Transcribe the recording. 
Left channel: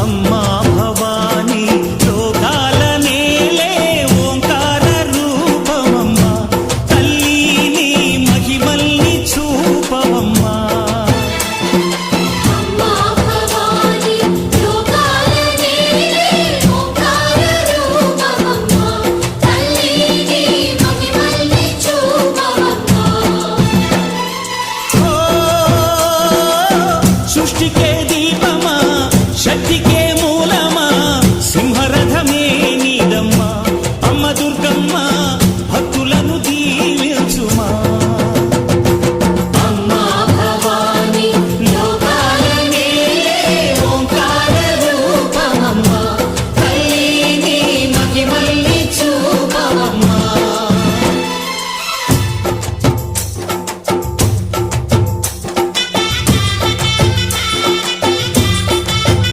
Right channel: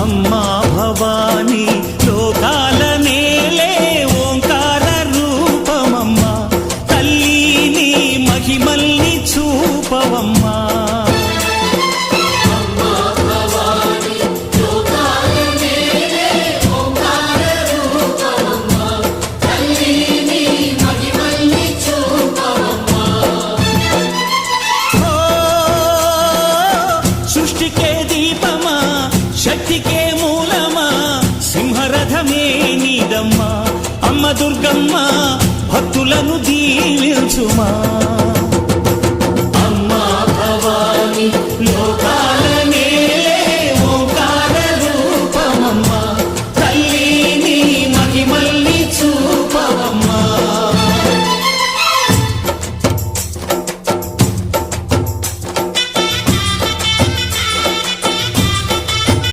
అమ్మా భవానీ లోకాల నేలే ఓంకార రూపమమ్మా, తల్లి నీ మహిమల్ని చూపవమ్మా. సృష్టికే దీపమా, శక్తికే మూలమా, సింహరథమే నీదమ్మా. అమ్మ దుర్గమ్మ భక్తులను దీవించుమా.